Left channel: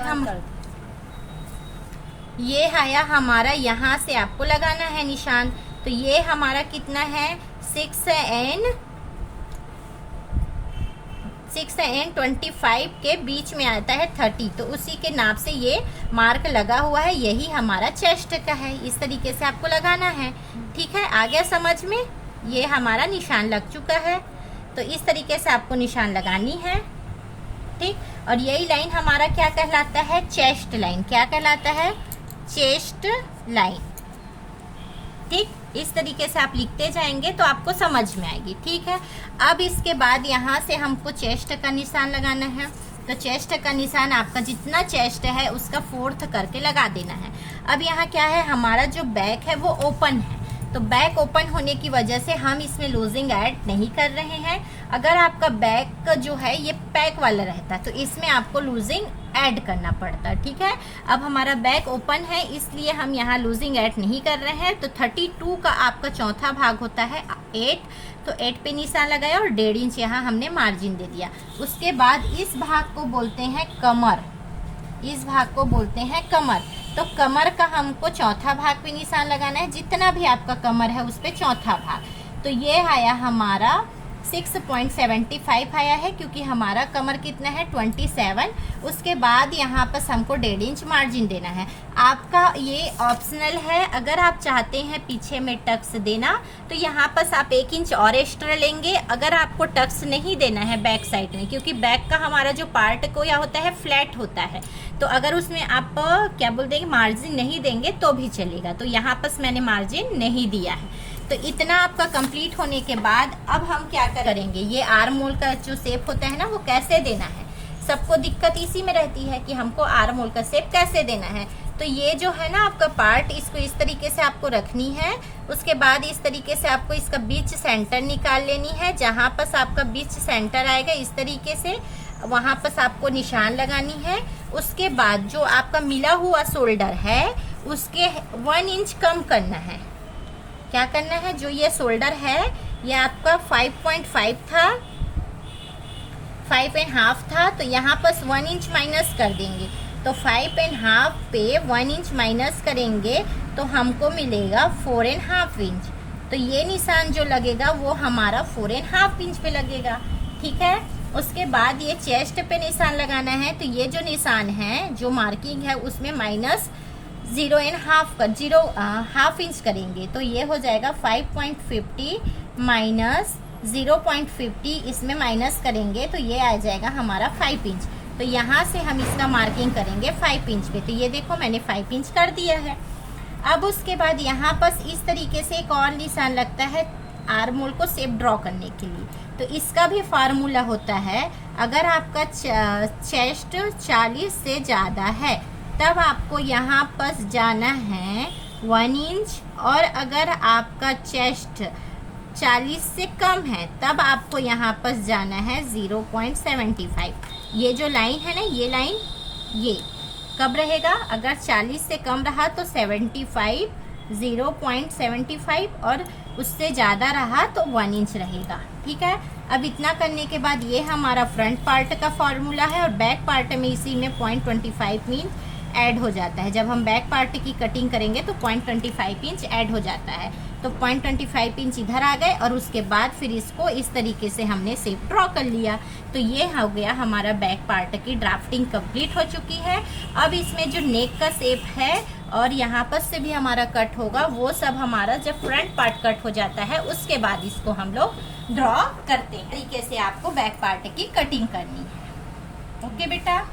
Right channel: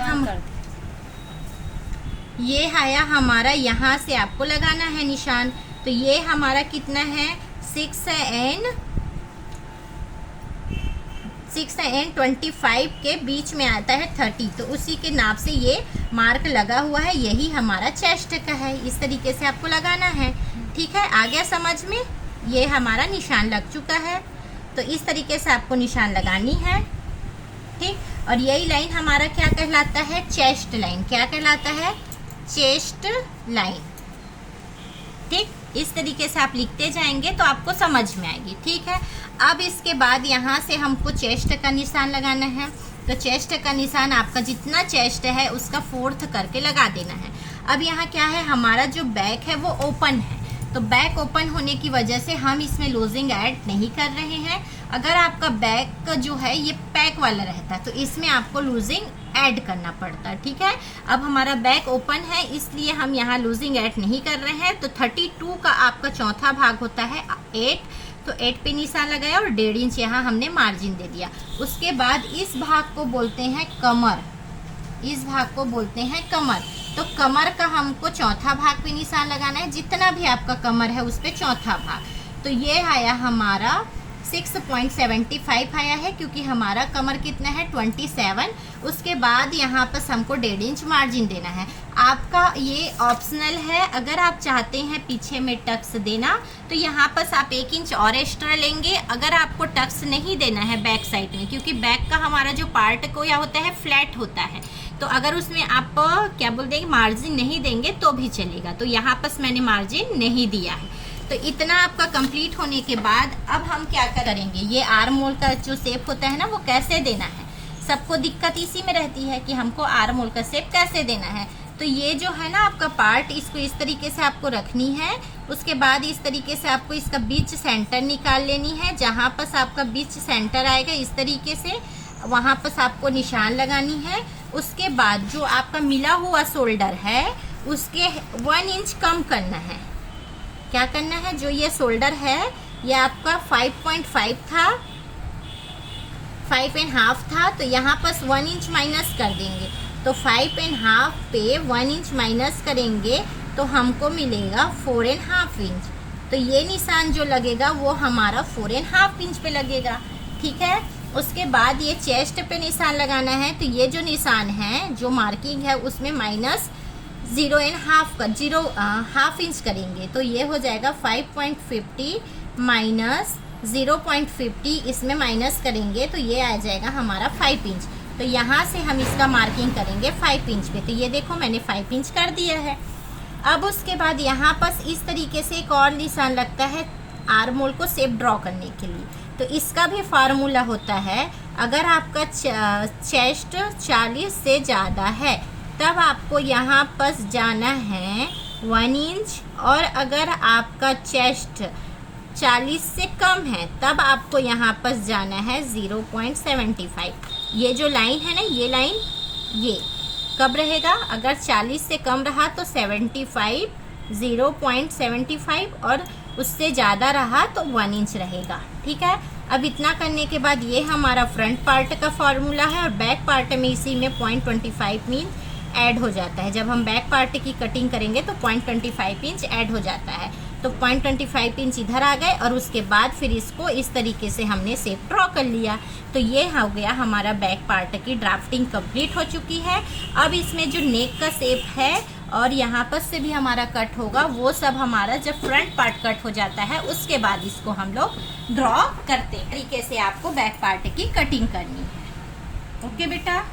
हम ये आया हमारा, यहाँ से आपको लगाना है निशान। तो ये हमारा कितना है 6 and 25 के बीच में आता है 30, तो उसी के नाप से ये मार्क लगा हुआ है, यही हमारा चेस्ट का है। इस तरीके से आपको लगाना है, ठीक है। आ गया समझ में? ये हमारा निशान लग चुका है, तो इस तरीके से आपको निशान लगानी है, ठीक। और यही लाइन हमारा क्या कहलाता है? Chest line. क्या कहलाता है? चेस्ट लाइन, ठीक। इस तरीके से आप लिखते जाएंगे तो आपको समझ में आएगी, ठीक है। अब इसके बाद यहाँ से हमको चेस्ट का निशान लगाना है। तो चेस्ट का निशान आपका जितना चेस्ट है उसका 4th करके लगा देना है। अब यहाँ क्या है, हमारा जो बैक है वो ओपन है, तो बैक ओपन होने की वजह से हम इसमें लूजिंग ऐड नहीं कर रहे हैं। अगर आपका बैक जो है ये पैक वाला रहता तो इसमें आपको लूजिंग ऐड करना पड़ता, ठीक है। अब हमारा बैक ओपन है इसलिए हम यहाँ लूजिंग ऐड नहीं कर रहे हैं। तो 32 का आपका चौथा भाग होता है 8, तो 8 पे निशान लगाया और 1.5 इंच यहाँ हमने मार्जिन दे दिया। उसके बाद इस भाग को बोलते हैं कमर, इस भाग को बोलते हैं कमर। तो कमर का हमको चौथा भाग पे निशान लगाना है, जितना भी आपका कमर है उस पे चौथा भाग। तो ये आया हमारा 6.75 आया है, क्योंकि हमारा कमर कितना है 27। उसके बाद यहाँ पर हमको 1.5 इंच मार्जिन देना है। आपका ये ऑप्शनल है, अगर आप चाहते हैं पीछे में टक्स देना तो यहाँ पर आप 1 इंच और एक्स्ट्रा लेंगे। अगर आपको टक्स नहीं देना है बैक साइड में, क्योंकि बैक का हमारा जो पार्ट को या होता है फ्लैट होता है, तो अगर उसमें आप क्या बोल देंगे मार्जिन नहीं देंगे तो भी चलेगा। तो यहाँ पर मैंने मार्जिन नहीं दिया है। तो इतना आपका कंप्लीट होने के बाद अब हम क्या करेंगे, ये आर्म होल का जो शेप होता है ना वो कैसे देना है। सबको दिक्कत इसी में रहती है कि हमको आर्म होल का शेप कैसे देना है। तो ये जो है ना आपका पार्ट, इसको इस तरीके से आपको रखनी है। उसके बाद इस तरीके से आपको इसका बीच सेंटर निकाल लेनी है। जहाँ पर आपका बीच सेंटर आएगा इस तरीके से, वहाँ पर आपको निशान लगानी है। उसके बाद जो आपका मिला हुआ शोल्डर है उसके 1 इंच कम करना है। क्या करना है, जो ये शोल्डर है ये आपका 5.5 था, 5.5 था, तो यहाँ पर 1 इंच माइनस कर देंगे। तो 5.5 पे 1 इंच माइनस करेंगे तो हमको मिलेगा 4.5 इंच। तो ये निशान जो लगेगा वो हमारा 4.5 इंच पे लगेगा, ठीक है। उसके बाद ये चेस्ट पे निशान लगाना है। तो ये जो निशान है, जो मार्किंग है उसमें माइनस 0.5 इंच करेंगे। तो ये हो जाएगा 5.50 माइनस 0.50, इसमें माइनस करेंगे तो ये आ जाएगा हमारा 5 इंच। तो यहाँ से हम इसका मार्किंग करेंगे 5 इंच पे। तो ये देखो मैंने 5 इंच कर दिया है। अब उसके बाद यहाँ पर इस तरीके से एक और निशान लगता है आर्म होल को शेप ड्रॉ करने के लिए। तो इसका भी फार्मूला होता है, अगर आपका चेस्ट 40 से ज़्यादा है तब आपको यहाँ पर जाना है 1 इंच, और अगर आपका चेस्ट 40 से कम है तब आपको यहाँ पर जाना है 0.75। ये जो लाइन है ना, ये लाइन ये कब रहेगा, अगर 40 से कम रहा तो 75, 0.75, और उससे ज़्यादा रहा तो 1 इंच रहेगा, ठीक है। अब इतना करने के बाद ये हमारा फ्रंट पार्ट का फॉर्मूला है, और बैक पार्ट में इसी में 0.25 इंच ऐड हो जाता है। जब हम बैक पार्ट की कटिंग करेंगे तो 0.25 इंच ऐड हो जाता है। तो 0.25 इंच इधर आ गए, और उसके बाद फिर इसको इस तरीके से हमने शेप ड्रॉ कर लिया। तो ये हो गया हमारा बैक पार्ट की ड्राफ्टिंग कंप्लीट हो चुकी है। अब इसमें जो नेक का शेप है और यहाँ पर से भी हमारा कट होगा, वो सब हमारा जब फ्रंट पार्ट कट हो जाता है उसके बाद इसको हम लोग ड्रॉ करते हैं। तरीके से आपको बैक पार्ट की कटिंग करनी है। ओके बेटा।